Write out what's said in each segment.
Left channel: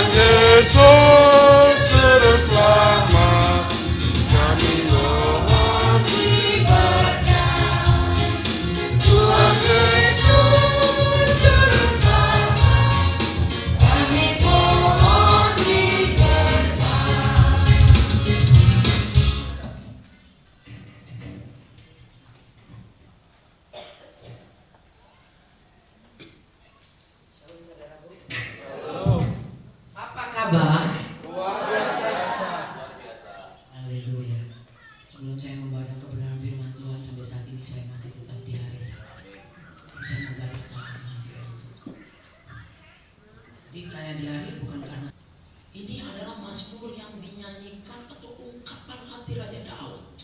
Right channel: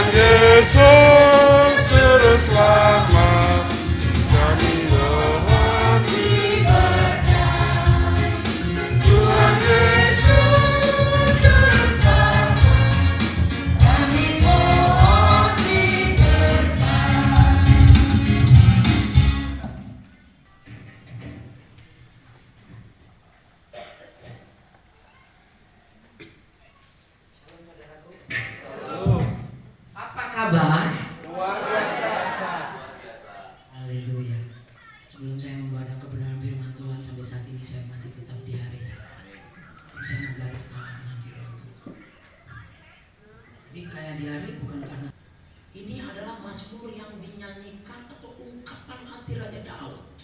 Tuhan Yesus Juru Selamat kami mohon diberkati. Tuhan Yesus Juru Selamat kami mohon diberkati. Apa kabar? Haleluya. Sebelum saya membaca kebenaran firman Tuhan, sampai saat ini saya masih tetap di hari saya membaca dengan firman Tuhan. Jadi kayak di hari bukan karena ini adalah mazmur yang dinyanyikan atau ungkapan hati Raja Daud.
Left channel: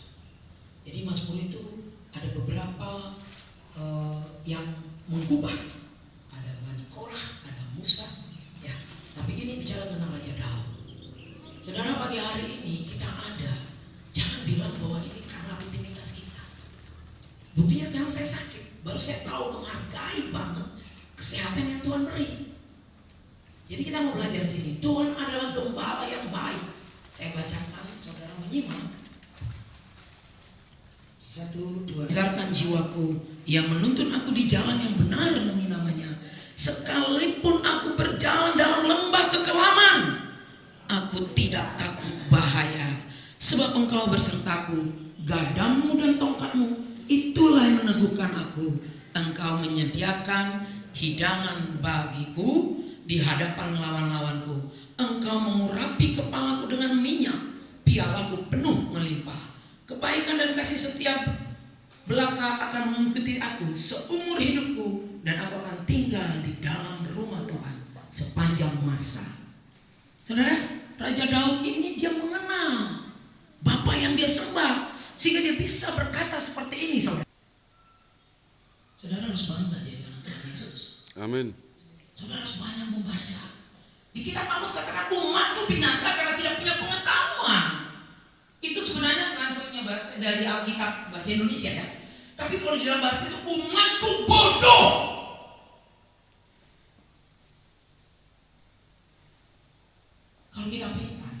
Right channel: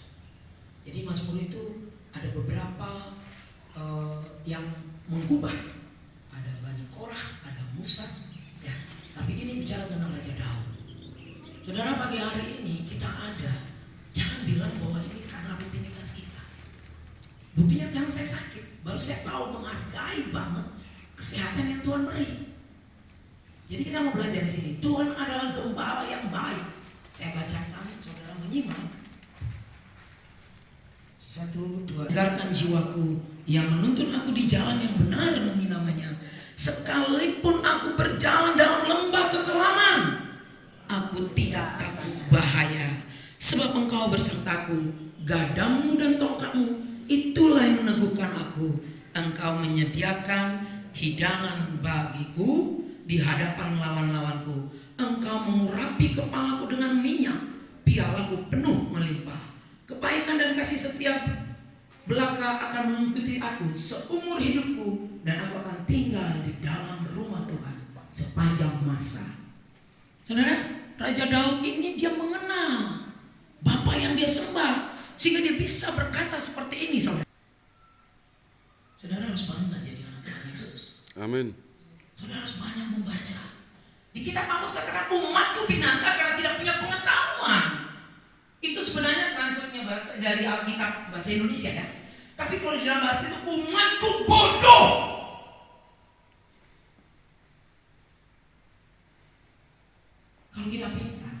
Jadi mazmur itu ada beberapa yang menggubah. Ada Bani Korah, ada Musa, ya. Tapi ini bicara tentang Raja Daud. Saudara, pagi hari ini kita ada. Jangan bilang bahwa ini karena rutinitas kita. Buktinya yang saya sakit, baru saya tahu menghargai banget kesehatan yang Tuhan beri. Jadi kita mau belajar di sini. Tuhan adalah gembala yang baik. Saya bacakan, saudara menyimak. 1, 2. Dengarkan jiwaku, Ia menuntun aku di jalan yang benar demi namanya. Sekalipun aku berjalan dalam lembah kekelaman, aku tidak takut bahaya, sebab Engkau bersertaku. Gadamu dan tongkatmu, itulah yang meneguhkan aku. Engkau menyediakan hidangan bagiku di hadapan lawan-lawanku. Engkau mengurapi kepalaku dengan minyak, pialaku penuh melimpah. Kebaikan dan kasih setiap belaka akan mengikuti aku seumur hidupku, dan aku akan tinggal di dalam rumah Tuhan sepanjang masa. Saudara, Raja Daud ini dia mengenal Bapa yang dia sembah, sehingga dia bisa berkata seperti ini, saudara. Saudara harus bangga jadi anak Tuhan Yesus. Amin. Saudara harus banyak membaca. Di kitab Amos katakan umatku binasa karena tidak punya pengetahuan. Itu sebenarnya translate-nya bahasa dari Alkitab bahasa Indonesia ya. Tapi kalau di dalam bahasa itu umatku bodoh. Kalau kita pintar,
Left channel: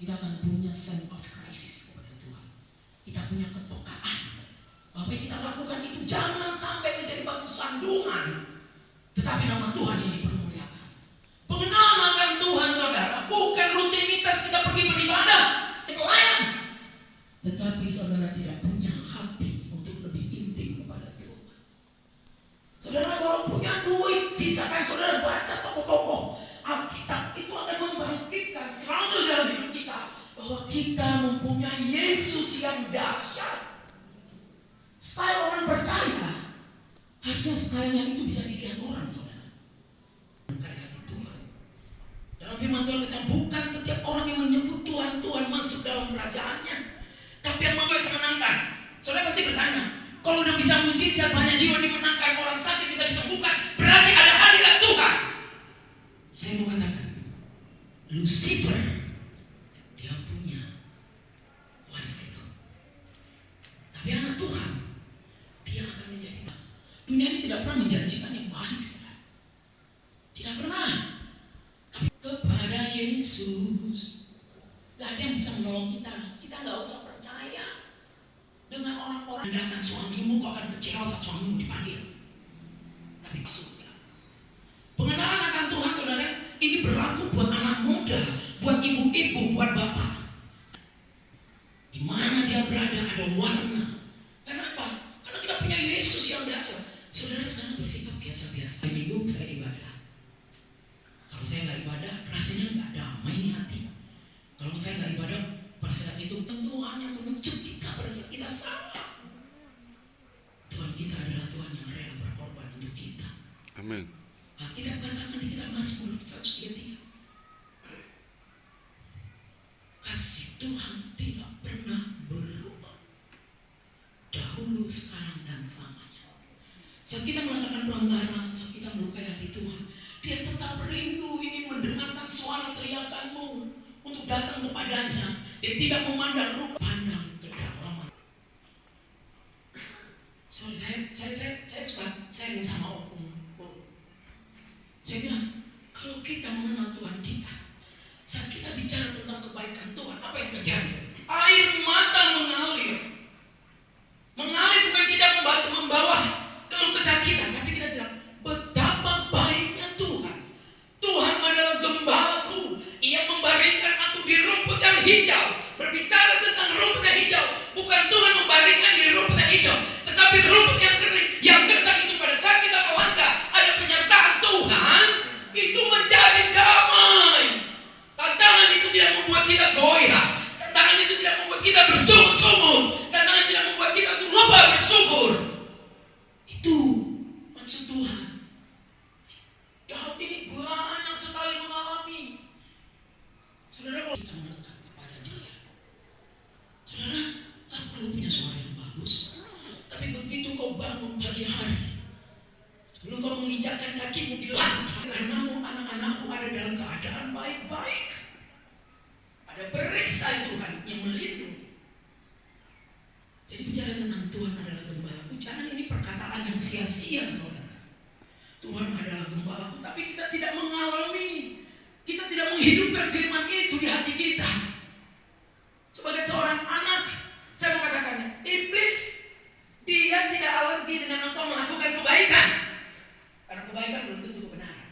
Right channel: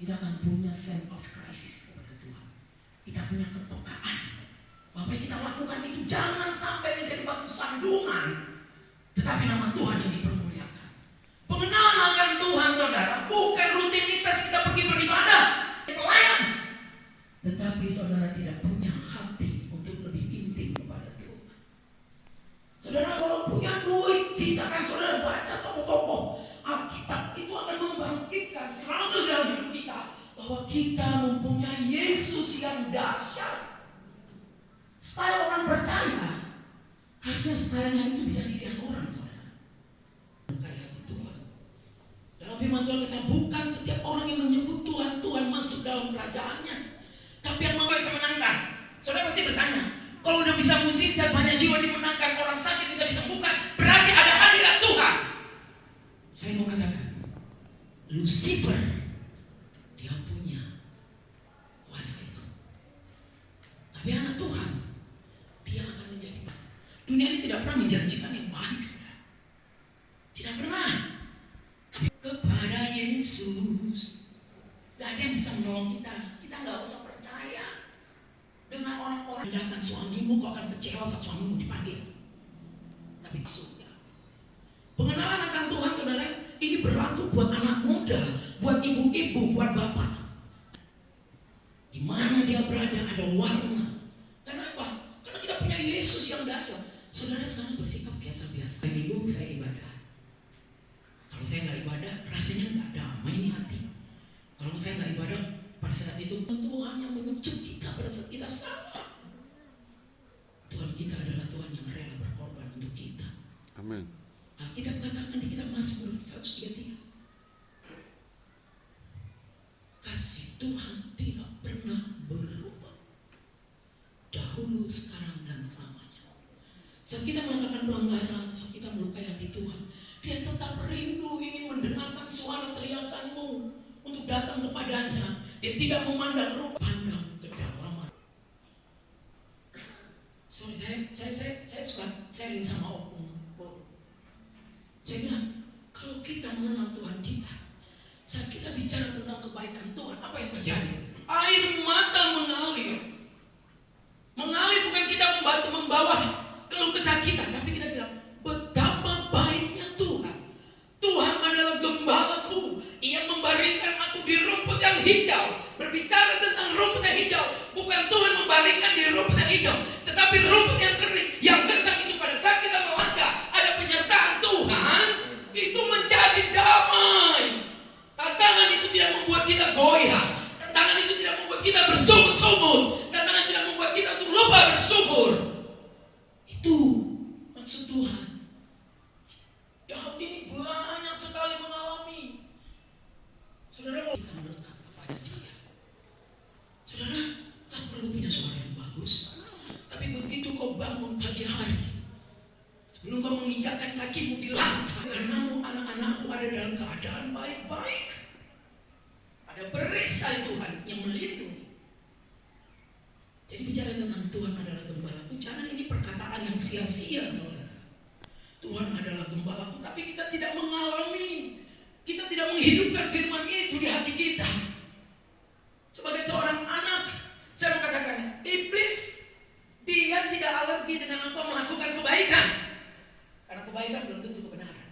kita akan punya sense of crisis kepada Tuhan. Kita punya kepekaan bahwa yang kita lakukan itu jangan sampai menjadi batu sandungan, tetapi nama Tuhan ini dipermuliakan. Pengenalan akan Tuhan, saudara, bukan rutinitas kita pergi beribadah, pelayan, tetapi saudara tidak punya hati untuk lebih intim kepada Tuhan. Saudara, kalau punya duit, sisakan saudara baca tokoh-tokoh Alkitab, itu akan membangkitkan selalu dalam hidup kita bahwa kita mempunyai Yesus yang dahsyat. Style orang percaya, harusnya stylenya itu bisa dilihat orang, saudara. Kayak hati Tuhan. Dalam firman Tuhan kata, bukan setiap orang yang menyebut Tuhan, Tuhan masuk dalam kerajaannya, tapi yang membuat menangkan. Saudara pasti bertanya, kalau udah bisa mujizat, banyak jiwa dimenangkan, orang sakit bisa disembuhkan, berarti ada hadirat Tuhan. Saya mau katakan, Lucifer dia punya kuasa itu. Tapi anak Tuhan, dia akan menjadi baik. Dunia ini tidak pernah menjanjikan yang baik, saudara. Tidak pernah. Tapi kepada Yesus, gak ada yang bisa menolong kita. Kita gak usah percaya dengan orang-orang. Andalkan suamimu, kau akan kecewa saat suamimu dipanggil. Tapi surga. Pengenalan akan Tuhan, saudara, ini berlaku buat anak muda, buat ibu-ibu, buat bapak. Di mana dia berada ada warna. Kenapa? Karena kita punya Yesus yang dahsyat. Saudara sekarang bersikap biasa-biasa. Hari Minggu saya ibadah. Kalau saya nggak ibadah, rasanya nggak damai nih hati. Kalau saya nggak ibadah, pada saat itu tentu hanya menunjuk kita pada saat kita salah. Tuhan kita adalah Tuhan yang rela berkorban untuk kita. Amin. Kita katakan di kitab Mazmur 133. Kasih Tuhan tidak pernah berubah, dahulu, sekarang, dan selamanya. Saat kita melakukan pelanggaran, saat kita melukai hati Tuhan, Dia tetap rindu ingin mendengarkan suara teriakanmu untuk datang kepadanya. Dia tidak memandang rupa, pandang kedalaman. Saya suka sharing sama Om. Saya bilang, kalau kita mengenal Tuhan kita, tentang kebaikan Tuhan, apa yang terjadi? Air mata mengalir. Mengalir bukan kita membawa keluh kesah kita, tapi kita bilang betapa baiknya Tuhan. Tuhan adalah gembalaku. Ia membaringkan aku di rumput yang hijau. Berbicara tentang rumput yang hijau, bukan Tuhan membaringkan di rumput yang hijau, tetapi rumput yang kering, yang gersang itu pada saat kita melangkah, ada penyertaan Tuhan, itu menjadi damai. Tantangan itu tidak membuat kita goyah. Tantangan itu tidak membuat kita bersungut-sungut. Tantangan tidak membuat kita untuk lupa bersyukur. Itu maksud Tuhan. Daud ini banyak sekali mengalami. Saudara, kalau kita melekat kepada Dia, saudara, tak perlu punya suara yang bagus, tapi begitu kau bangun pagi hari, sebelum kau menginjakkan kakimu di lantai, karenamu anak-anakku ada dalam keadaan baik-baik. Ada perisai Tuhan yang melindungi. Jadi bicara tentang Tuhan adalah gembalaku, jangan ini perkataan yang sia-sia, saudara. Tuhan adalah gembalaku, tapi kita tidak mengalami, kita tidak menghidupkan firman itu di hati kita. Sebagai seorang anak, saya mau katakannya, iblis dia tidak alergi dengan engkau melakukan kebaikan, karena kebaikan belum tentu kebenaran.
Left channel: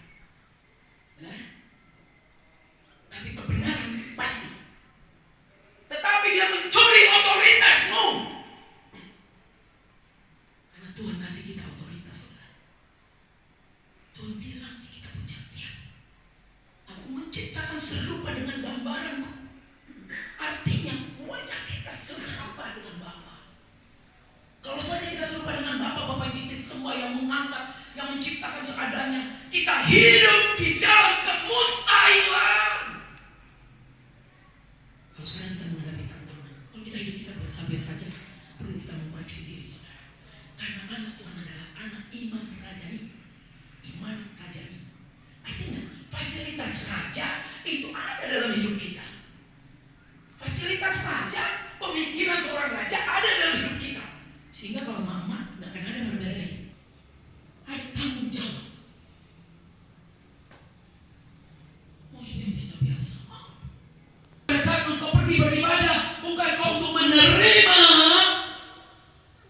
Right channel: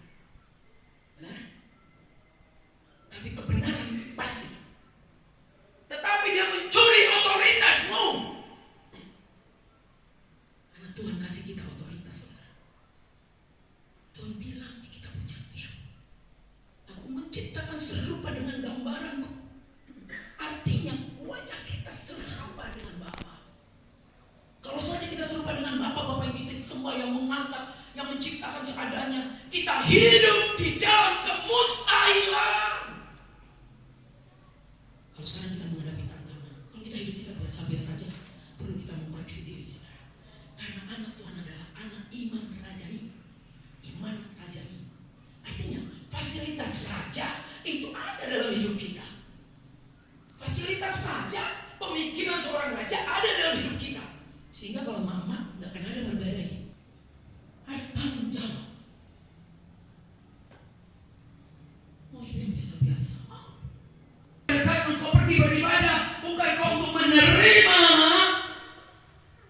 Benar? Tapi kebenaran pasti. Tetapi dia mencuri otoritasmu. Karena Tuhan kasih kita otoritas, saudara. Tuhan bilang di kitab Ucapan, aku menciptakan serupa dengan gambaranku. Artinya wajah kita serupa dengan Bapa. Kalau saja kita serupa dengan Bapa kita semua yang mengangkat, yang menciptakan seadanya, kita hidup di dalam kemustahilan. Kalau sekarang kita menghadapi tantangan, kalau kita hidup kita biasa-biasa saja, perlu kita mengoreksi diri, saudara. Karena anak Tuhan adalah anak iman rajani. Iman rajani. Artinya fasilitas raja itu ada dalam hidup kita. Fasilitas raja, pemikiran seorang raja ada dalam hidup kita. Sehingga kalau mama gak akan ada berbeda. Ada tanggung jawab. Mau hidup yang biasa-biasa. Pada saat engkau pergi beribadah, bukan kau untuk menerima,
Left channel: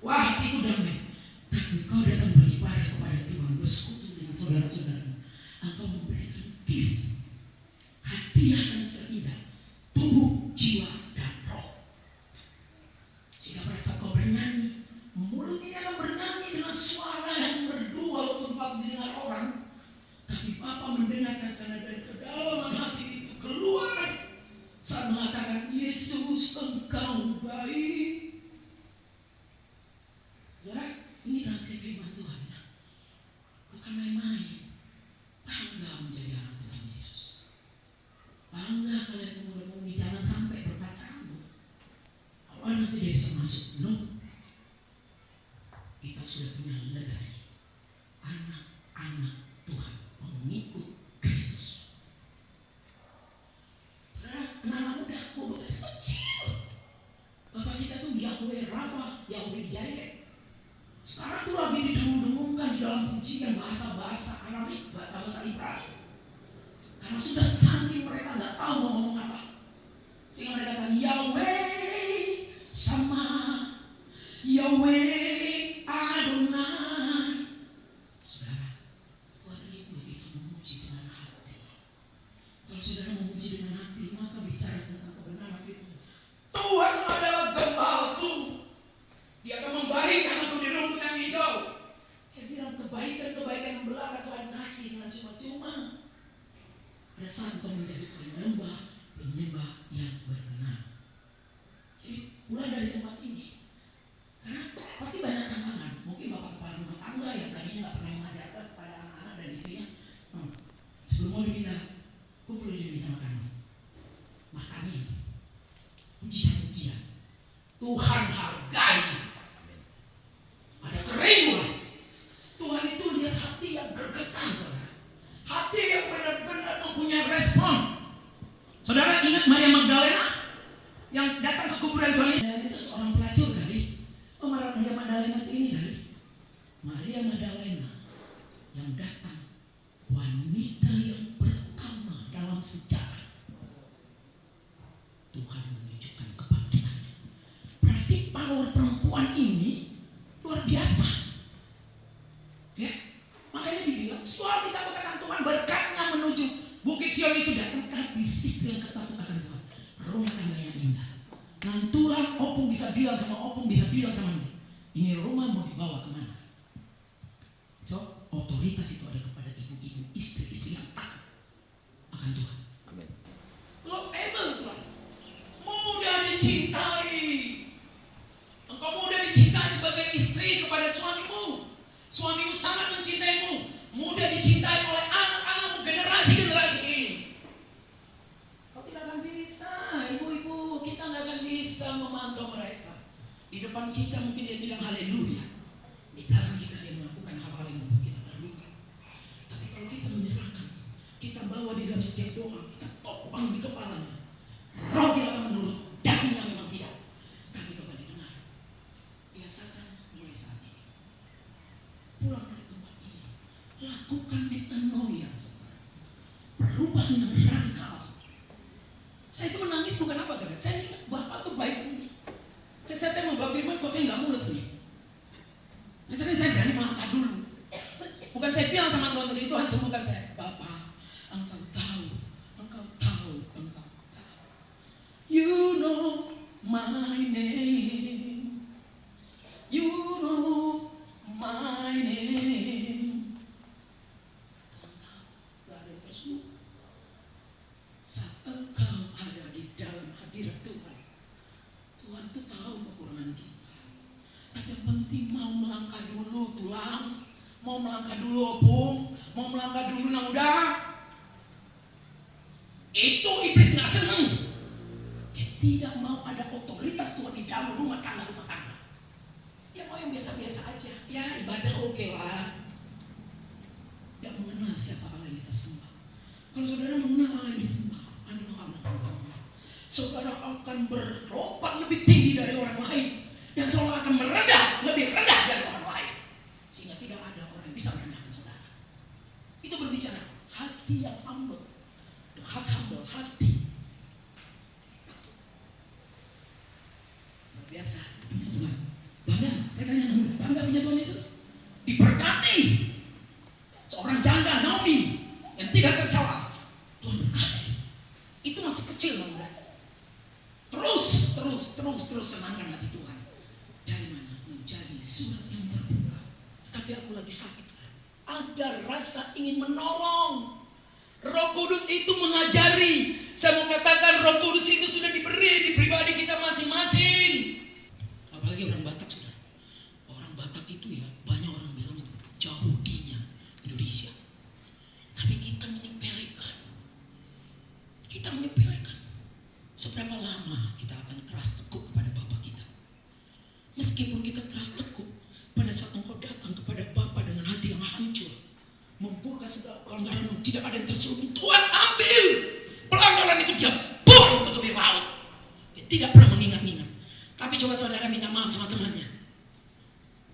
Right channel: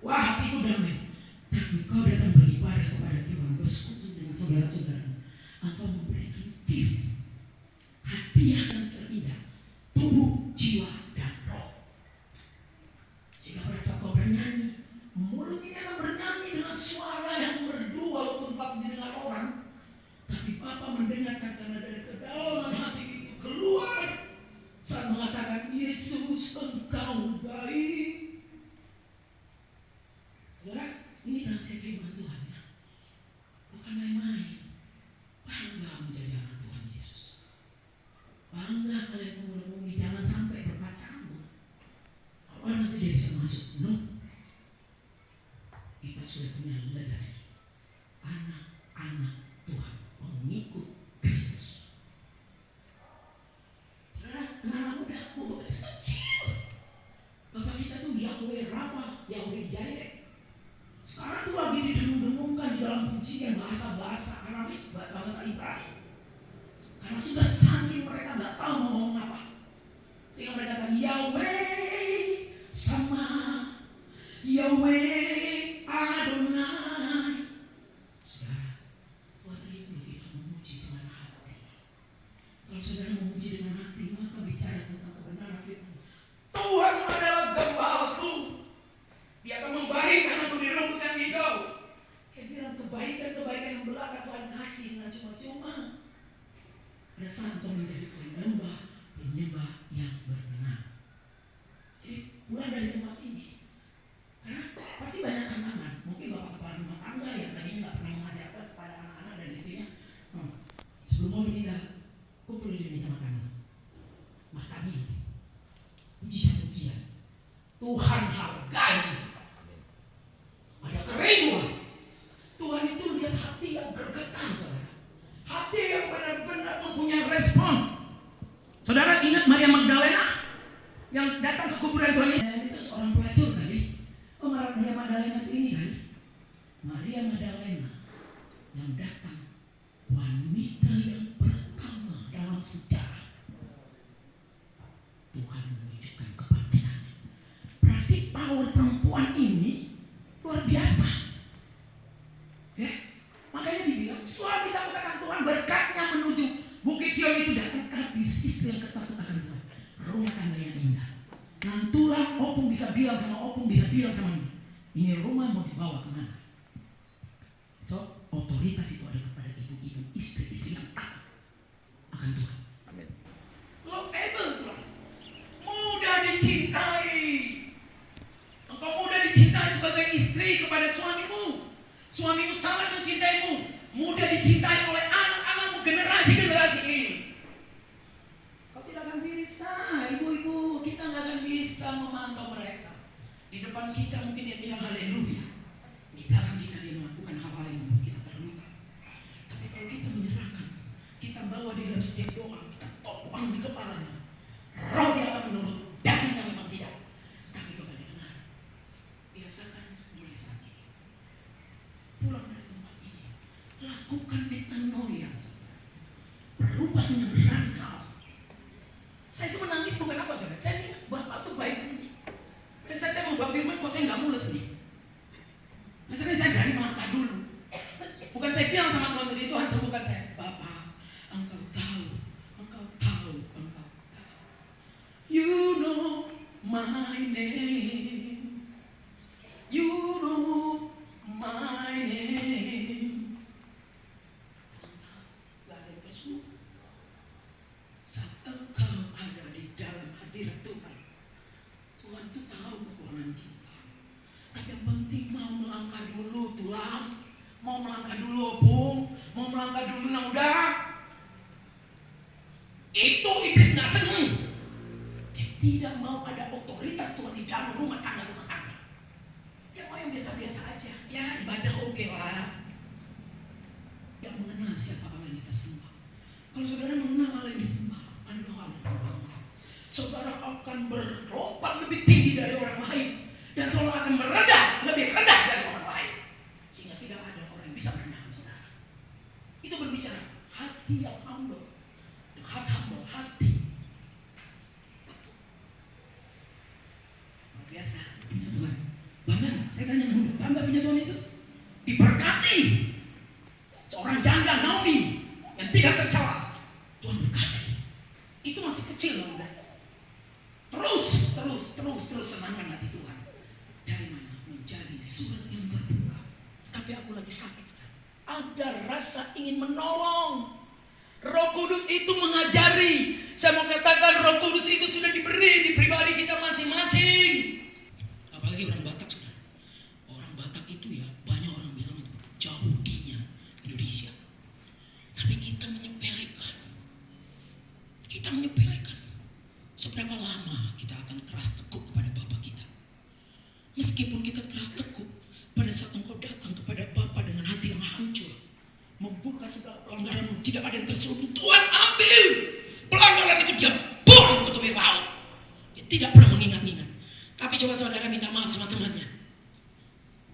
wah hatiku damai. Tapi kau datang beribadah kepada Tuhan, bersekutu dengan saudara-saudara. Engkau memberikan gift, hadiah yang terindah, tubuh, jiwa, dan roh. Sehingga pada saat kau bernyanyi, mulut ini akan bernyanyi dengan suara yang merdu walaupun pasti didengar orang. Tapi Bapa mendengarkan karena dari kedalaman hati itu keluar saat mengatakan Yesus engkau baik. Saudara, ini rahasia firman Tuhan ya. Bukan main-main. Bangga menjadi anak Tuhan Yesus. Bangga kalian pemuda-pemudi, jangan sampai berpacaran. Awal nanti dia bisa masuk. No. Kita sudah punya legasi. Anak-anak Tuhan, pengikut Kristus. Anak-anak muda, bobot kecil. Bapak kita tuh Yahweh Rafa, Yahweh Jireh. Sekarang tuh lagi didengung-dengungkan di dalam pujian bahasa-bahasa Arabik, bahasa-bahasa Ibrani. Karena sudah saking mereka nggak tahu mau ngomong apa. Sehingga mereka kata Yahweh sama Yahweh Adonai. Saudara, Tuhan itu kita memuji dengan hati. Kalau saudara memuji dengan hati, maka bicara tentang kebenaran itu. Tuhan adalah gembalaku. Dia akan membaringkan aku di rumput yang hijau. Dia bilang kebaikan-kebaikan yang belaka Tuhan kasih dengan cuma-cuma. Pada saat kau menjadi penyembah yang berkenan. Jadi mulai dari tempat ini. Karena pasti banyak tantangan. Mungkin bapak kepala rumah tangga yang tadinya nggak pernah mengajarkan kepada anak-anak dan istrinya. Sebelum mau diminta, aku perlu diminta makan ini. Pujian-pujian. Tuhan hargai. Ada kerinduan. Tuhan itu lihat hati yang bergetar, saudara. Hati yang benar-benar mempunyai respon. Saudara ingat Maria Magdalena yang datang ke kuburan Tuhan Yesus? Itu seorang pelacur kali. Oh, Maria Magdalena itu ini kali. Maria Magdalena yang datang, wanita yang pertama dalam sejarah Sion itu dapat bisnis yang ketakutan akan Tuhan. Rumah tangga yang indah. Nantulah opung bisa bilang sama ini rumah mau dibawa kemana? So, otoritas itu ada kepada ibu-ibu, istri-istri yang taat akan Tuhan. Amin. Lovable Tuhan. Mudah dicintai. Engkau mudah dicintai sebagai istri kepada suamimu. Suamimu sangat mencintaimu. Mudah dicintai oleh anak-anakmu, generasi-generasi ini. Kau tidak akan bisa, ibu-ibu, kita nggak akan bisa memantau mereka. Di depan kita mungkin dia bilang haleluya. Di belakang kita dia melakukan hal-hal yang membuat kita terluka. Tapi kalau kita menyerahkan, kita bawa di dalam setiap doa, kita topang di kepalanya. Roh dia akan menurut, dagingnya memang tidak. Tapi coba didengar. Biasakan mulai saat ini. Pulang dari tempat ini, lakukan metanoia. Perubahan yang radikal. Saya itu menangis bukan apa saudara. Saya ingat Bapak tuh baik ini. Dan saya mau bawa firman, kok saya nggak mulus nih. Misalnya saya berani melangkah dulu. Bukan saya bilang sama Tuhan tadi, Tuhan sembuhkan saya. Bapak, Engkau tahu. You know my name. You know my name. Tuhan tahu, gak ada yang tersebut. Saat engkau ada di dalam hadirat Tuhan, Tuhan tuh tahu kekurangan kita. Tapi yang penting mau melangkah dulu tulang, mau melangkah dulu opung, mau melangkah dulu nang udah. Itu iblis gak seneng. Dia tidak mau ada otoritas Tuhan di dalam rumah tangga. Dia mau yang biasa-biasa aja. Ya ibadah oke lah. Tidak mengenal siapa Allah yang kita sembah. Kalau saudara mengenal Allah yang disembah, saudara akan berlompat lebih tinggi dari orang lain. Dan saudara akan merendah, lebih rendah dari orang lain. Sehingga tidak ada orang yang bisa merendahkan saudara. Itu berbicara hati yang humble. The heart humble, hati. Luar biasa punya Tuhan. Bangga gak? Saya tanya muda, bangga punya Tuhan Yesus? Diberkati. Seorang janda Naomi yang tidak tercela, Tuhan berkati. Itu masih kecil muda. Terus senangkan hati Tuhan. Dari mana? Menjadi surat yang terbuka. Tapi aku lagi sakit sekarang. Ada rasa ingin menolong. Roh Kudus itu mengajari. Saya mau katakan Roh Kudus itu sudah diberi di pribadi kita masing-masing. Apalagi orang Batak sudah. Orang Batak itu ya banyak orang bilang itu jauh dinya Indonesia. Tapi kita menyepelekan. Seberapa lama kita akan keras tekuk kepada Bapa kita? Meskipun kita keras tekuk, pada saat engkau datang kepada Bapa dengan hati yang hancur, membuka segala pelanggaran, tidak ada yang tersembunyi, Tuhan ambil pelanggaran itu, dia buang ke tepi laut. Dia tidak pernah mengingat-ingat. Tapi coba saudara minta maaf sama temannya.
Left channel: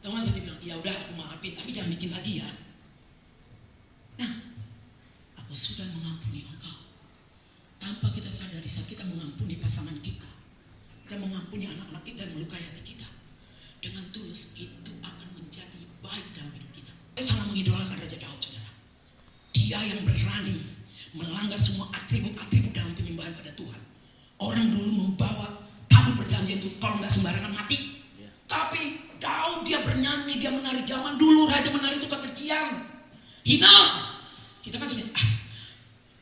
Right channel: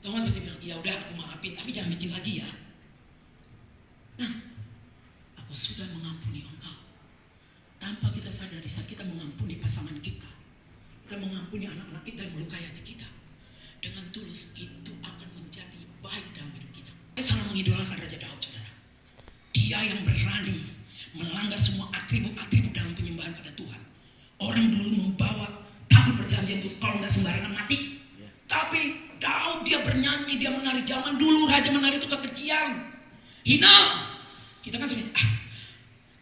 Teman pasti bilang, ya udah aku maafin, tapi jangan bikin lagi ya. Nah, aku sudah mengampuni engkau. Tanpa kita sadari, saat kita mengampuni pasangan kita mengampuni anak-anak kita yang melukai hati kita, dengan tulus, itu akan menjadi baik dalam hidup kita. Saya sangat mengidolakan Raja Daud, saudara. Dia yang berani melanggar semua atribut-atribut dalam penyembahan pada Tuhan. Orang dulu membawa tabut perjanjian itu kalau nggak sembarangan mati. Tapi Daud dia bernyanyi, dia menari. Zaman dulu raja menari itu kekejian, hina. Kita kan sebenarnya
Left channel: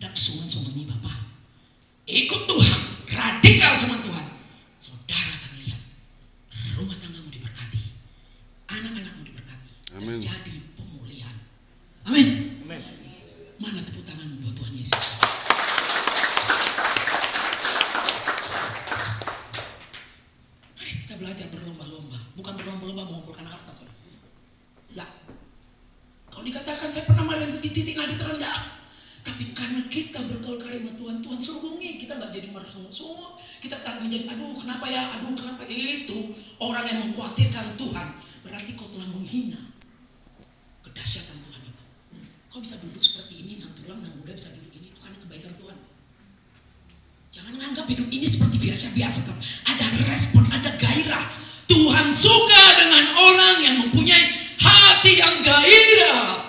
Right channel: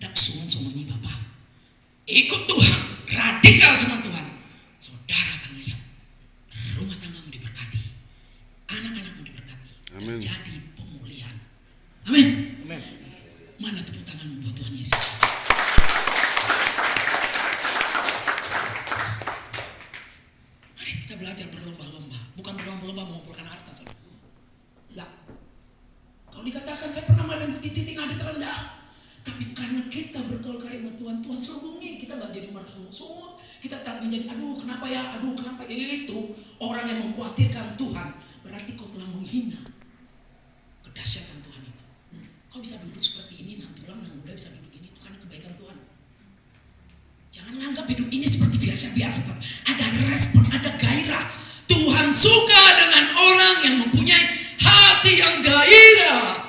dak sungan nih Bapak. Ikut Tuhan, radikal sama Tuhan. Saudara akan lihat rumah tanggamu diberkati, anak-anakmu diberkati. Amin. Terjadi pemulihan. Amin. Amin. Mana tepuk tanganmu buat Tuhan Yesus? Mari kita belajar berlomba-lomba, bukan berlomba-lomba mengumpulkan harta, saudara. Ya. Kalau dikatakan saya pernah melihat di titik nadi terendah, tapi karena kita bergaul karya Tuhan, Tuhan serubungi. Kita nggak jadi mersungut-sungut. Kita tak menjadi aduh kenapa itu. Orang yang mengkhawatirkan Tuhan, berarti kau telah menghina kedahsyatan Tuhan itu. Kau bisa duduk seperti ini, nang tulang, nang muda bisa duduk ini, itu karena kebaikan Tuhan. Jangan menganggap hidup ini seperti biasa-biasa. Ada respon, ada gairah. Tuhan suka dengan orang yang mempunyai hati yang gairah.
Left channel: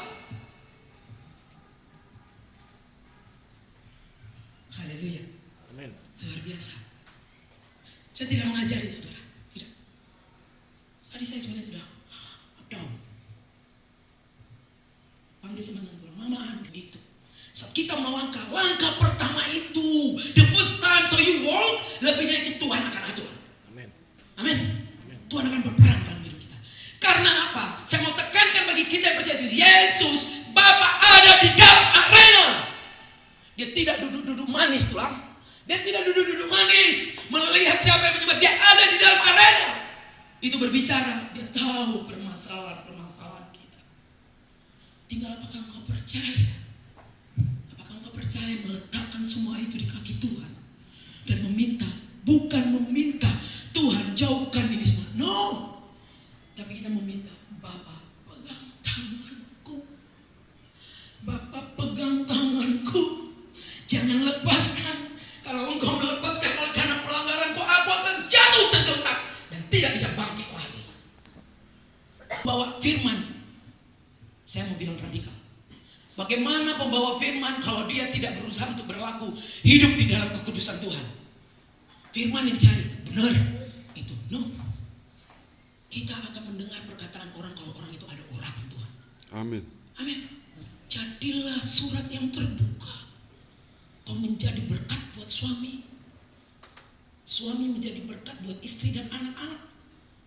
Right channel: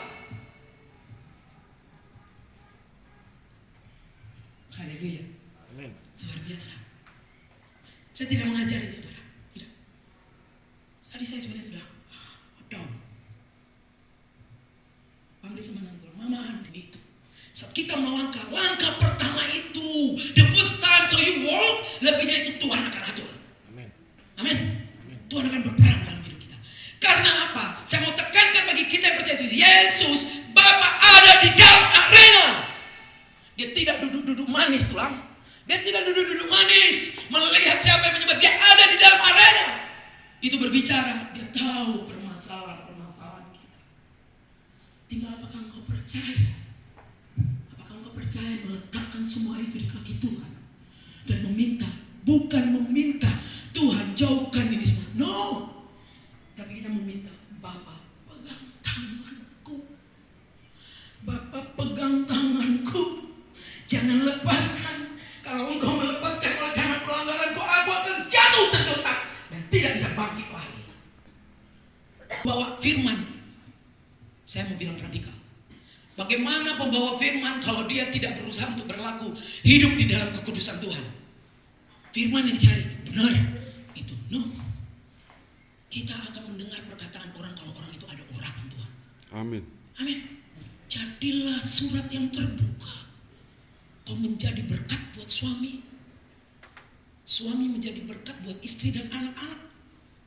Haleluya. Amin. Luar biasa. Saya tidak mengajari saudara. Tidak. Tadi saya sebenarnya bilang, down. Panggil sama anak pulang, mama gitu. Saat kita melangkah, langkah pertama itu, the first time so you walk, lebihnya itu Tuhan akan atur. Amin. Amin. Tuhan akan berperan dalam hidup kita. Karena apa? Saya mau tekankan bagi kita yang percaya Yesus, Bapa ada di dalam arena. Dia tidak duduk-duduk manis tulang. Dia tidak duduk-duduk manis melihat siapa yang menyembah. Dia ada di dalam arena. Itu berbicara. Dia tahu permasalahan kita. Tinggal apakah engkau percaya? Apakah engkau percaya meletakkan semua itu di kaki Tuhan dan meminta, bukan meminta Tuhan jauhkan ini semua. No. Tapi kita meminta, Bapa pegang tanganku. Bapa pegang tanganku. Jangan lepaskan. Kalau engkau melepaskan oleh karena pelanggaranku, aku akan jatuh tergeletak dan tidak bisa bangkit lagi. Bawa firman. Saya mau bilang radikal. Bagaimana pembawa firman kalau dia tidak berusaha untuk berlaku hidup di dalam kekudusan Tuhan? Firman yang dicari, benar itu. No. Kita akan mendengar perkataan orang kalau orang itu ada urapan Tuhan. Amin. Amin. Jadilah surat yang terbuka. Kau menjadi berkat buat suami. Suami menjadi berkat buat istri dan anak-anak.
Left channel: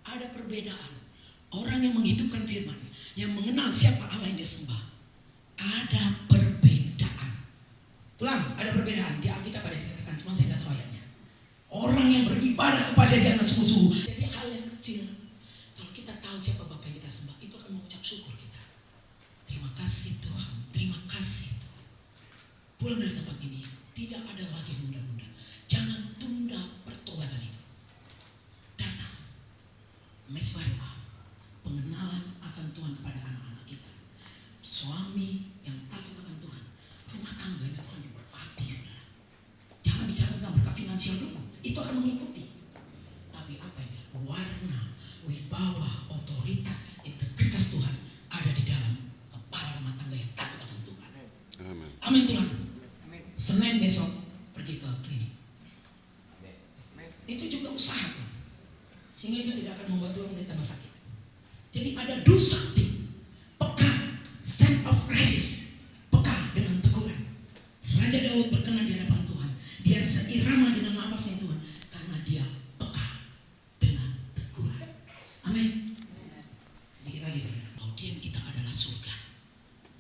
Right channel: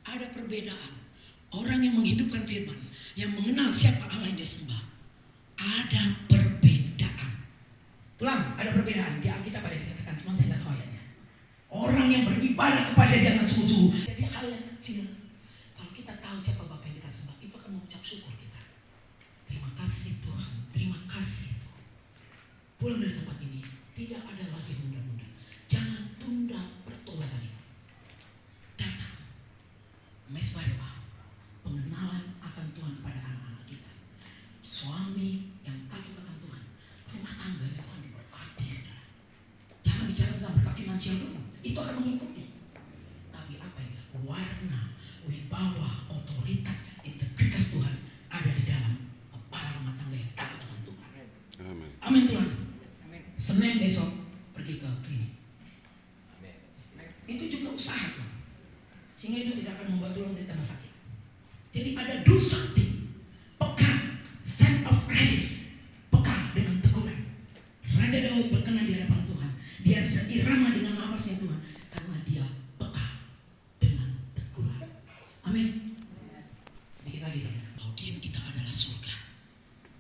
Ada perbedaan. Orang yang menghidupkan firman, yang mengenal siapa Allah yang dia sembah, ada perbedaan. Tulang, ada perbedaan. Di Alkitab ada dikatakan, cuma saya tidak tahu ayatnya. Orang yang beribadah kepada dia dengan sungguh-sungguh. Jadi hal yang kecil. Kalau kita tahu siapa Bapa yang kita sembah, itu akan mengucap syukur kita. Terima kasih Tuhan, terima kasih. Pulang dari tempat ini, tidak ada lagi menunda-nunda. Jangan tunda pertobatan itu. Datang. Mesbah, pengenalan akan Tuhan kepada anak-anak kita. Suami yang takut akan Tuhan. Rumah tangga itu akan diberkati. Jangan bicara tentang berkat finansial dulu. Itu akan mengikuti. Tapi apa yang warna, wibawa, otoritas, integritas Tuhan ada di dalam kepala rumah tangga yang takut akan Tuhan. Amin. Amin Tuhan. Senin besok pergi ke klinik. Itu juga usaha Tuhan. Sehingga itu tidak akan membuat Tuhan menjadi tambah sakit. Jadi ada do something. Peka, sense of crisis. Peka dengan teguran. Raja Daud berkenan di hadapan Tuhan. Dia seirama dengan nafasnya Tuhan. Karena dia peka dengan teguran. Amin. Sedikit lagi saya. Bagian kita adalah surga.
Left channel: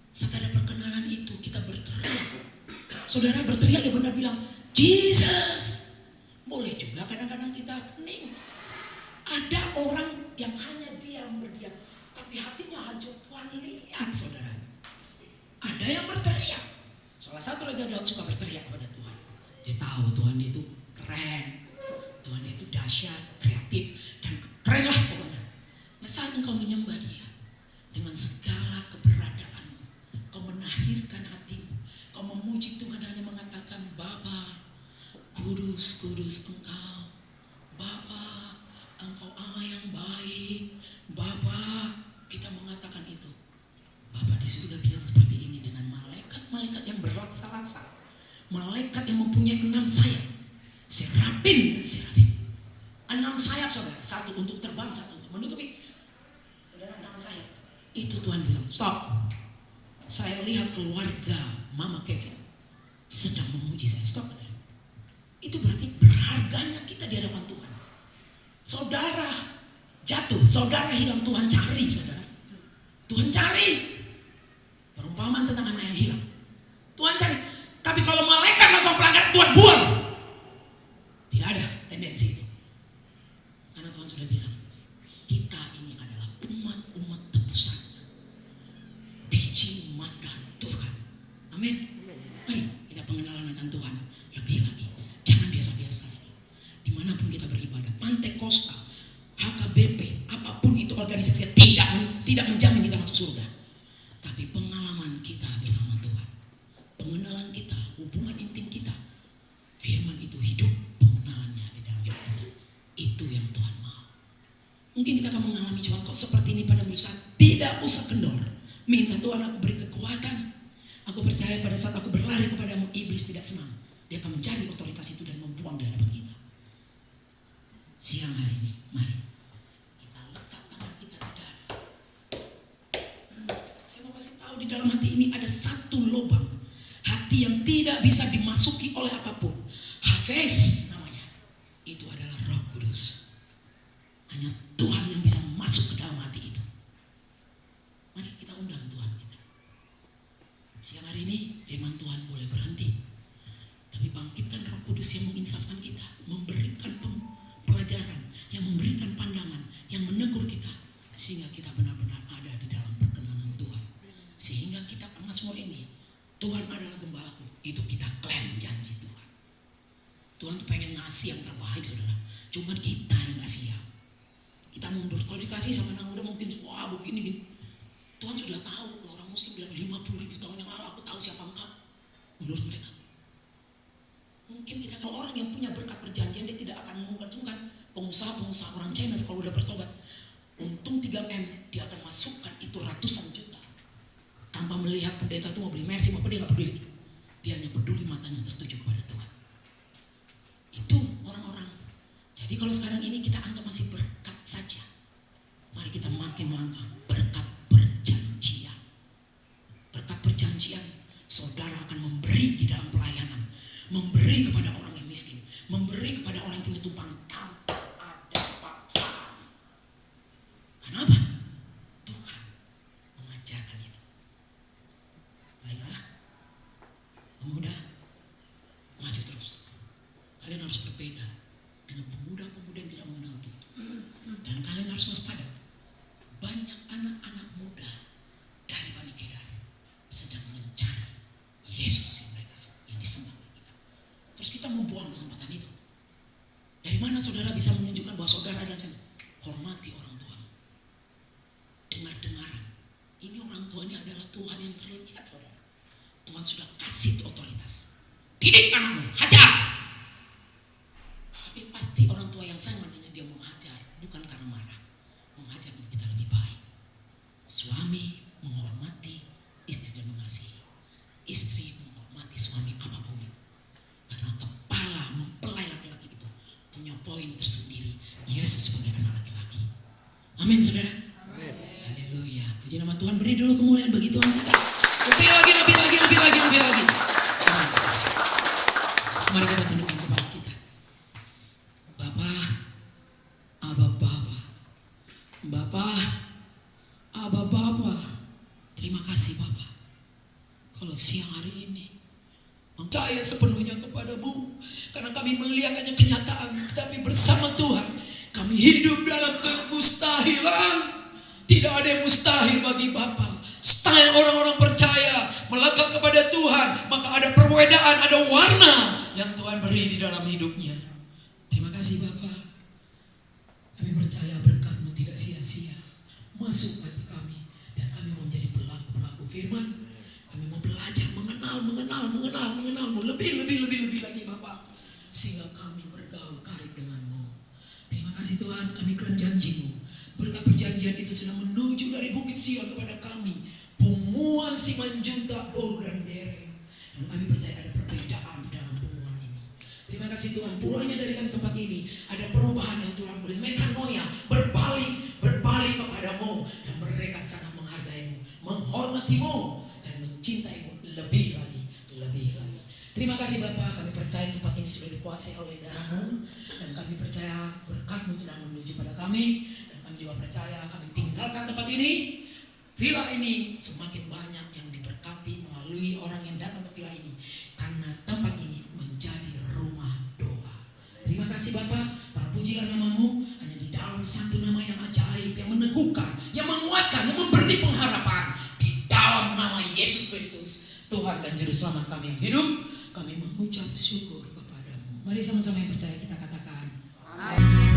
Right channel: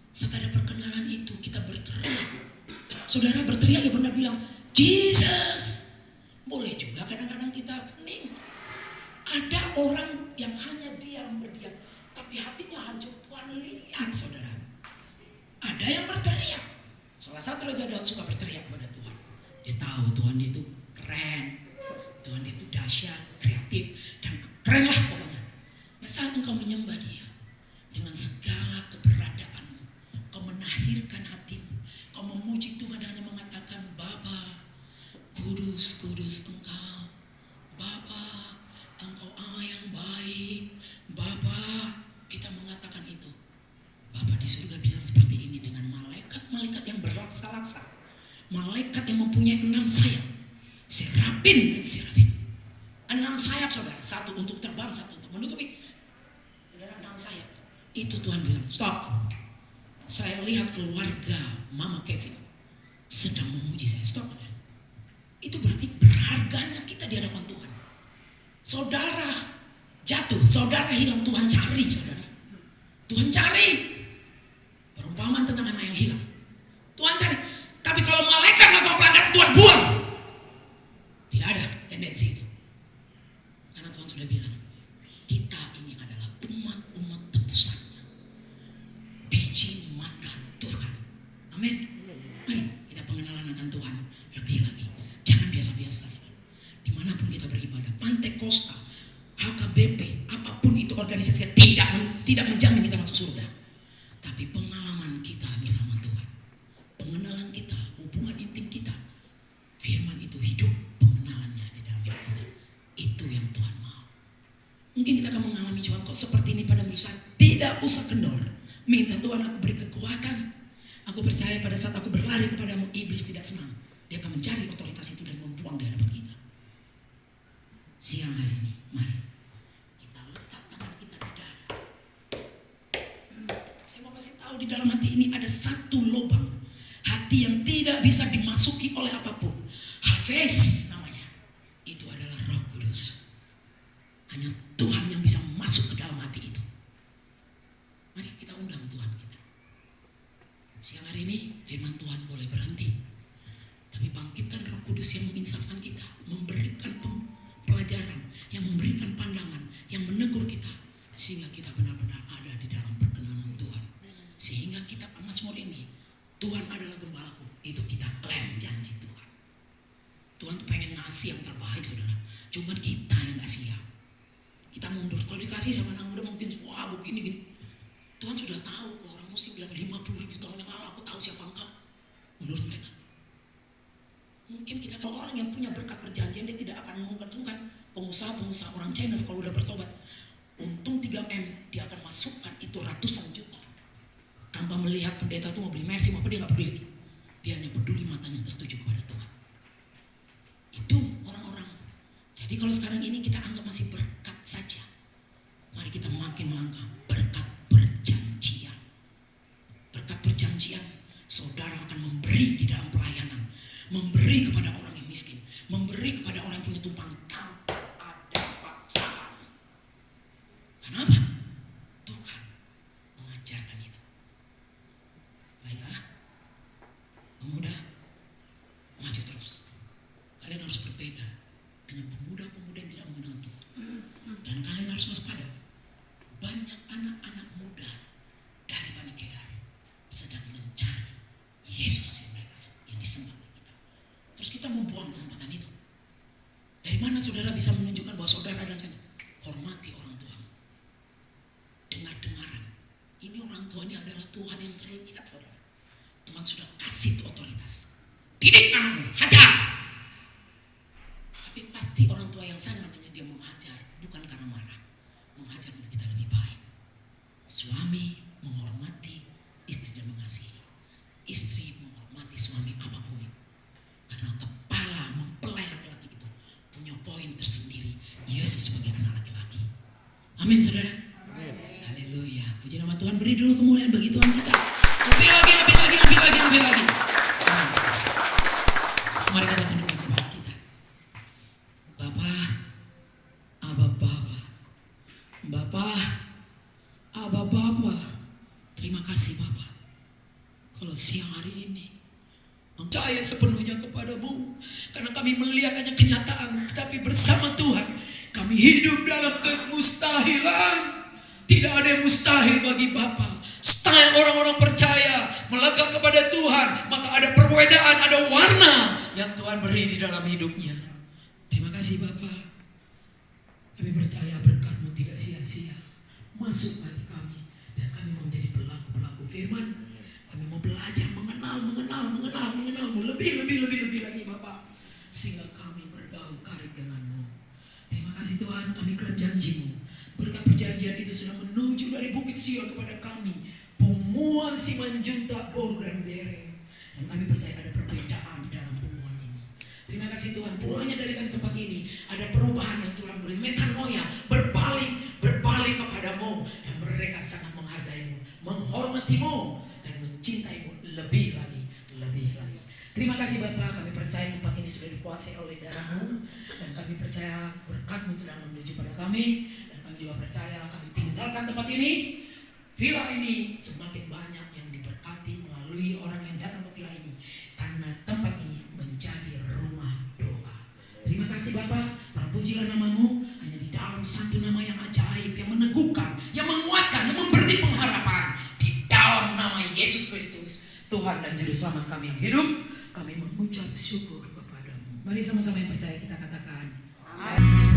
Saat ada perkenanan itu kita berteriak. Saudara berteriak ya benar bilang Jesus. Boleh juga kadang-kadang kita kening. Ada orang yang hanya diam berdiam, tapi hatinya hancur. Tuhan lihat saudara. Ada yang berteriak. Salah satu Raja Daud suka berteriak kepada Tuhan. Dia tahu Tuhan itu keren, Tuhan itu dahsyat, kreatif, dan keren lah pokoknya. Nah saat engkau menyembah Dia dengan segala keberadaanmu, kau menahirkan hatimu, kau memuji Tuhan hanya mengatakan Bapa, kudus, kudus Engkau, Bapa, Engkau Allah yang baik, Bapa, kita mengatakan itu. Bapa di surga bilang seperti ini dengan malaikat-malaikat yang berlaksa-laksa, malaikat yang mempunyai 6 sayap, serafin dan serafin. 6 sayap saudara, satu untuk terbang, satu untuk menutupi. Saudara 6 sayap. Itu Tuhan bilang, stop. Saya lihat keluarga Mama Kevin sedang memuji saya. Stop. Itu berarti berharganya kita di hadapan Tuhan. Saudara jatuh, saudara hilang, Tuhan cari saudara. Tuhan cari. Perumpamaan tentang anak yang hilang. Tuhan cari. Tapi kalau malaikat melakukan pelanggaran, Tuhan buang. Tidak ada tendensi itu. Karena Tuhan sudah bilang, kita ini adalah umat-umat tebusan. Biji mata Tuhan. Amin. Mari kita pengenalan akan Tuhan lebih lagi. Jangan biasa-biasa. Dimanapun kita beribadah, Pantai Costa, HKBP, apapun itu organisasi kita tidak menjamin kita masuk surga. Tapi pengalaman kita bersama Tuhan, pengenalan kita, hubungan intim kita, firman itu hidup, pengenalannya di dalam hidup kita. Itu yang Tuhan mau. Mungkin kita akan mengalami Tuhan kok seperti ini pada misa. Tidak usah kendor. Minta Tuhan aku beri kekuatan. Aku percaya pada saat aku berlari kepadamu, iblis tidak senang. Dia akan mencari tidak bisa dimasuki oleh apapun. Hafiz namanya. Itu adalah Roh Kudus. Hanya Tuhan yang bisa masuk ke dalam hati itu. Mari kita undang Tuhan kita. Siang hari ini firman Tuhan boleh berhenti. Tapi bangkitkan Roh Kudus yang menginsafkan kita, memberikan pelajaran, yang memberikan pandangan, yang menegur kita, sehingga kita benar-benar ada di dalam perkenanan Tuhan. Sehingga kita Mazmur ini, Tuhan adalah gembalaku, itu kita klaim janji Tuhan. Tuhan tuh pengen ngasih yang terbaik, saudara. Cuma kita yang gak siap. Kita mundur. Kalau dikasih sama anak muda mungkin, wah begini gini. Tuhan sudah tahu, orang muslim bilang 50.000 tahun yang lalu aku tahu siapa engkau. Menurut mereka. Mungkin kita kalau orang yang punya berkat perjanjian, dia tidak akan mengungkap-ungkap. Pengusaha orang China kalau udah bertobat, untung 3M, dia akan masukkan itu ratusan juta. Tanpa melihat pendeta itu mau beli Mercy, apa dia gak peduli. Dia hanya peduli matanya tertuju kepada Tuhan. Itu orang-orang. Jadi kalau sekarang ini kita anggap masih berkat saja. Mari kita makin melangkah berkat perjanjian. Berkat perjanjian, saudara akan memberi di dalam pelayanan. Memberi kepada orang yang miskin. Memberi kepada orang yang punya tumpang tanpa ada paksaan. Kenapa? Tuhan mengajarkan itu. Baiklah, pemuda, maju terus. Kalian harus berbeda dengan pemuda-pemuda yang tidak mengenal Tuhan. Dan kalian harus waspada. Banyak anak-anak muda dari Bani Kedar sedang mencari Yesus yang mereka yang disembah kita. Terus kita membuang kesempatan itu. Dari mana saudara bisa menunjukkan bahwa saudara adalah hormati orang Tuhan? Dengar-dengaran. Ini orang tua ini adalah Tuhan yang terlihat, saudara. Tuhan sudah kasih otoritas. Didik anakmu, hajar. Tapi pasti orang tua yang sama dengan dia menghajar bukan karena marah. Menghajar untuk kita lebih baik. Suami menghormati istri dan mengasihi. Istri menghormati suami apapun. Karena kepala mempelai laki-laki itu punya poin tersendiri. Yesus sebagai anak laki-laki. Amin, saudara. Haleluya. Puji nama Tuhan. Beri dulu kemuliaan bagi Tuhan kita. Lebih lagi. Mari kita tundukkan kepala kita. Bapa. Terima kasih Bapa. Kalau siang hari ini percaya sepenuhnya kepadamu, karena kami melihat hanya kenyataan, tetapi bersama Tuhan kami hidup dalam kemustahilan. Tidak ada yang mustahil bagi Bapa. Style orang-orang percaya melekat kepada Tuhan, maka ada perbedaan, ada warna yang Tuhan beri di dalam hidupnya. Terima kasih Bapa. Kami percaya berkat-Mu tidak sia-sia masuk hati kami, dan kami menjadi pelaku-pelaku firman. Kami mau belajar mengenal-Mu lebih lagi Bapak, sehingga kami bergaul karib dengan-Mu. Terima kasih Tuhan, kami klaim janji-Mu. Berkat perjanjian itu sedang menuju dari Bukit Sion kepada kami, Pemuan Simanjuntak, Boru dan Bere. Dan kami percaya ada perbedaan di dalam pemuan ini. Terima kasih Tuhan, pulangnya dari kami tempat ini ada perubahan yang Tuhan boleh metanoia, berbalik kepadamu, yang mereka sangat menghargai-Mu, menghormati-Mu, dan mencintai-Mu lebih lagi. Terima kasih Bapak, kami percaya tempat ini sudah dikuasai oleh darah-Mu, dan kami percaya berkat-Mu sedang menuju pada kami, dan kami juga percaya kami tinggalkan tempat ini. Villa ini semakin banyak yang diberkati melalui orang yang datang ke villa ini, karena tempat ini menjadi rumah doa. Terima kasih Bapak, terpujilah nama-Mu. Hanya di dalam satu nama yang ajaib, yang meneguhkan, yang menguatkan, yang memberi pengharapan, di dalam nama Yesus Kristus, Tuhan dan Juru Selamat kami yang hidup, kami mengucap syukur kepada-Mu. Mari sama-sama yang percaya kita katakan amin.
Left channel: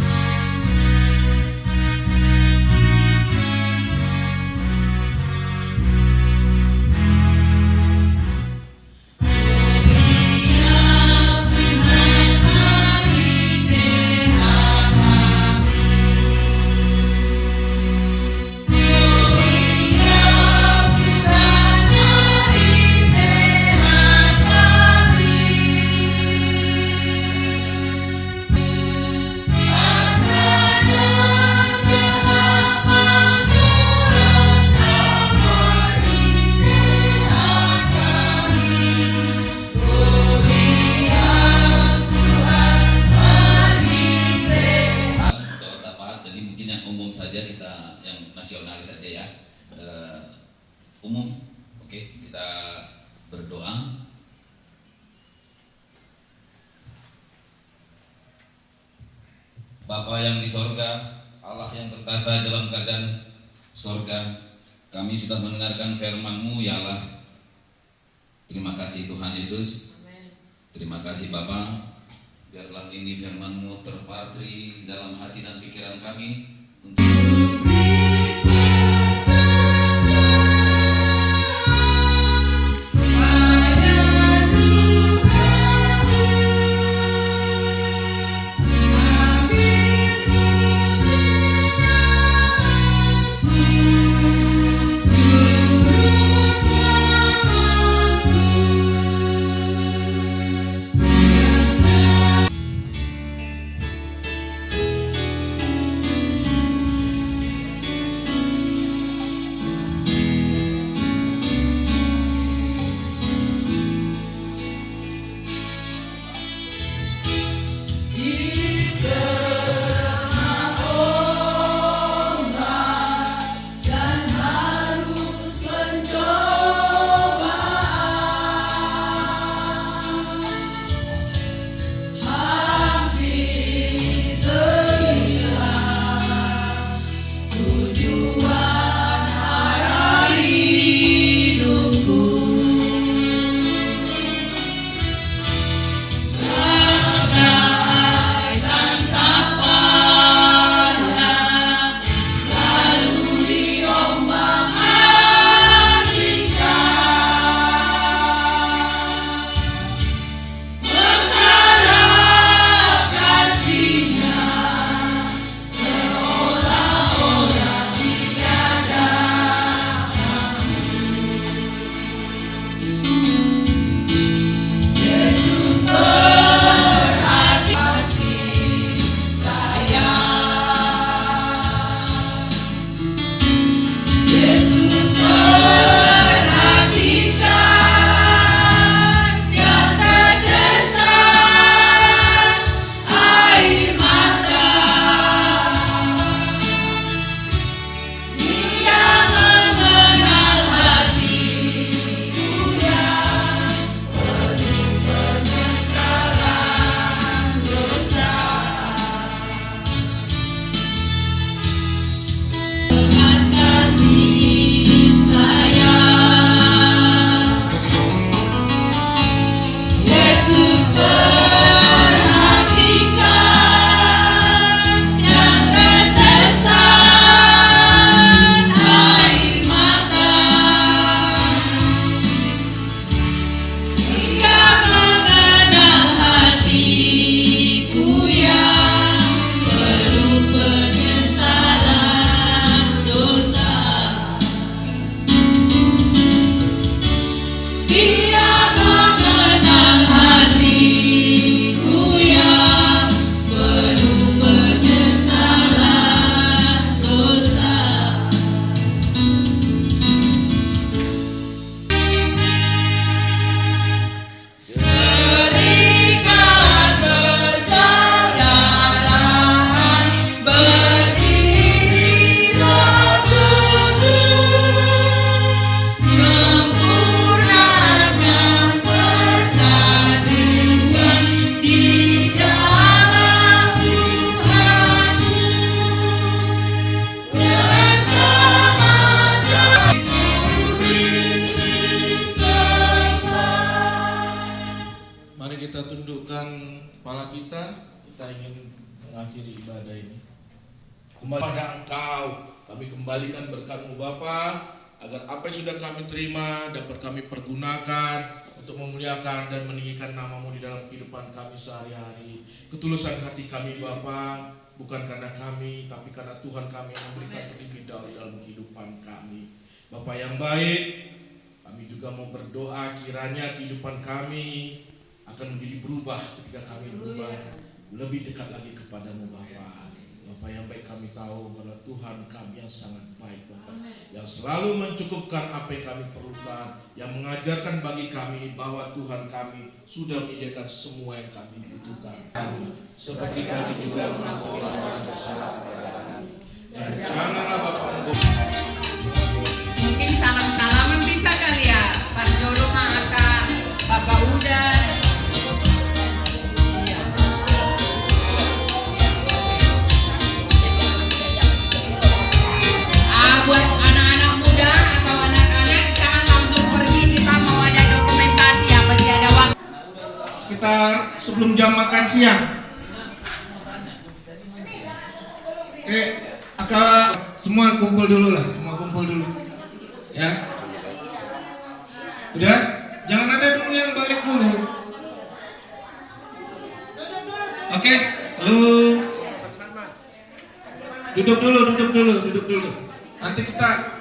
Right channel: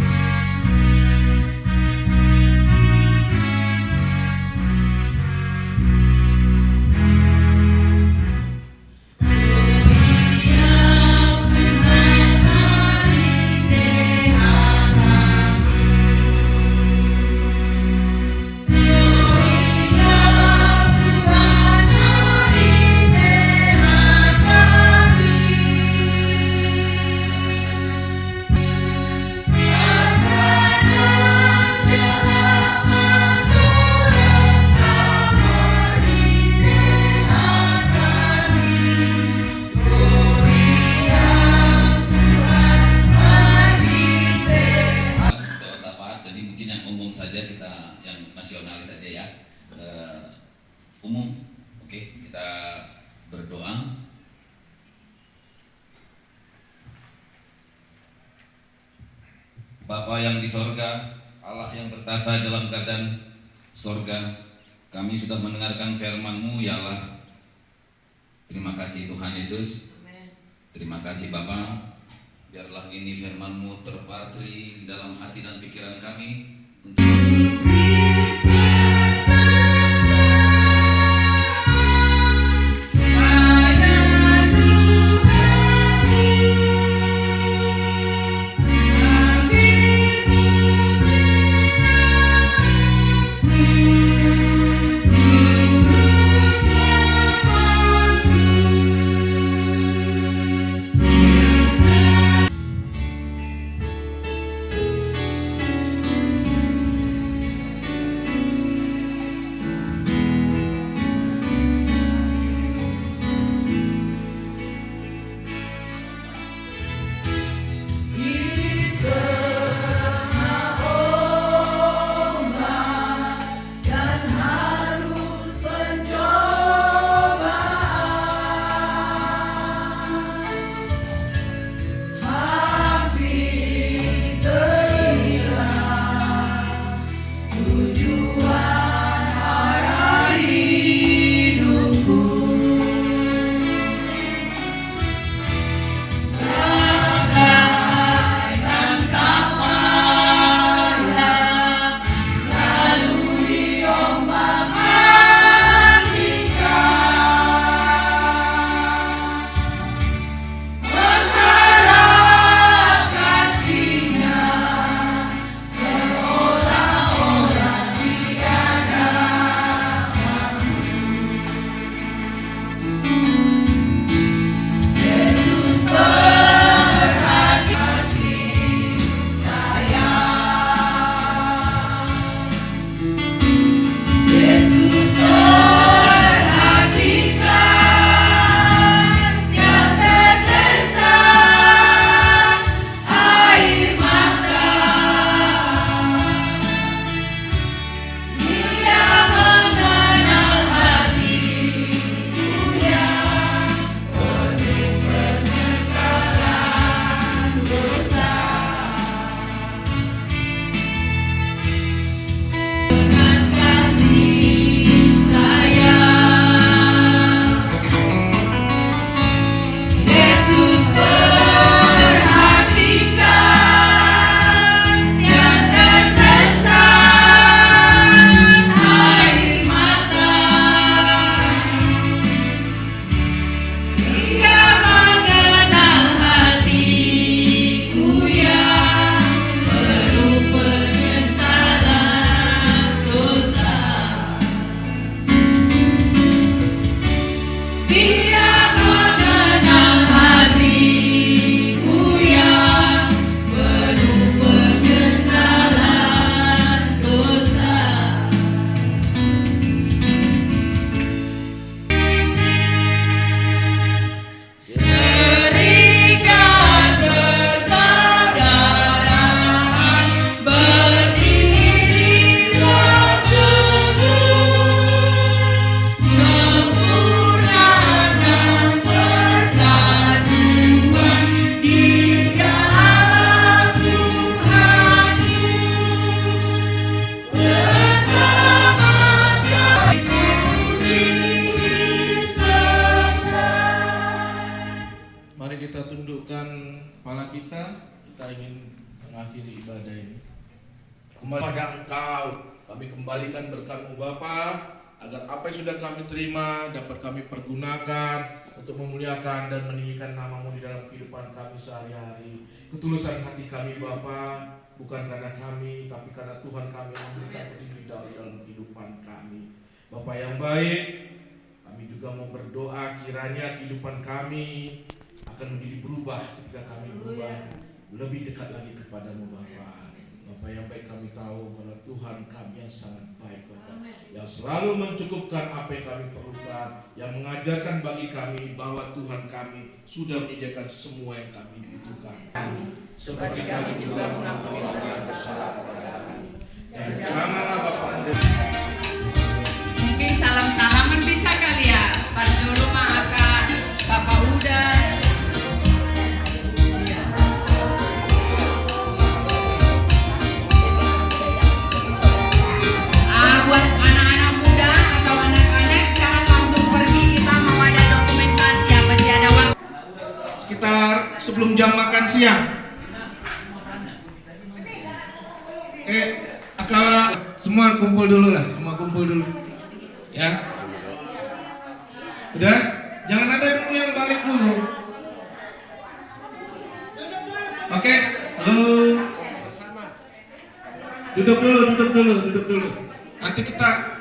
Bapa yang di sorga, Allah yang bertata dalam kerajaan sorga, kami sudah mendengarkan firman-Mu ya Allah. Terima kasih Tuhan Yesus. Terima kasih Bapa. Biarlah ini firman-Mu terpatri di dalam hati dan pikiran kami untuk mengakhiri ibadah ini. Kepada Engkau kami kembalikan berkat-Mu Bapa, agar apa yang sudah kami terima dapat kami pergunakan untuk memuliakan dan meninggikan nama-Mu di dalam kehidupan kami sehari-hari. Ketulusan hati kami Bapa, bukan karena kami, tapi karena Tuhan kami yang memberikan terlebih dahulu dalam kehidupan kami. Bapa yang baik, kami juga mau berdoa kiranya kehidupan kami akan menjadi berubah ketika kami berubah lebih dekat lagi kepadamu Bapa. Bapa yang baik, kami tahu bahwa Tuhan kami yang sangat baik Bapa, yang selalu mencukupkan apa yang kami perlukan, yang mengajarkan bagi kami bahwa Tuhan kami sudah menyediakan semua yang kami butuhkan. Seperti kami juga mengampuni orang yang bersalah kepada kami. Dan janganlah Bapa mungkin salam-salaman bisa kali ya, Pak Jolo maafkan Bapak Udan. Iya. sebelum jam makan siang. Oke, semua kumpul dulu lah, semua kumpul dulu. Ya. Udah? Jangan ada dulu yang balik dulu. Oke, lu duduk dulu. Nanti kita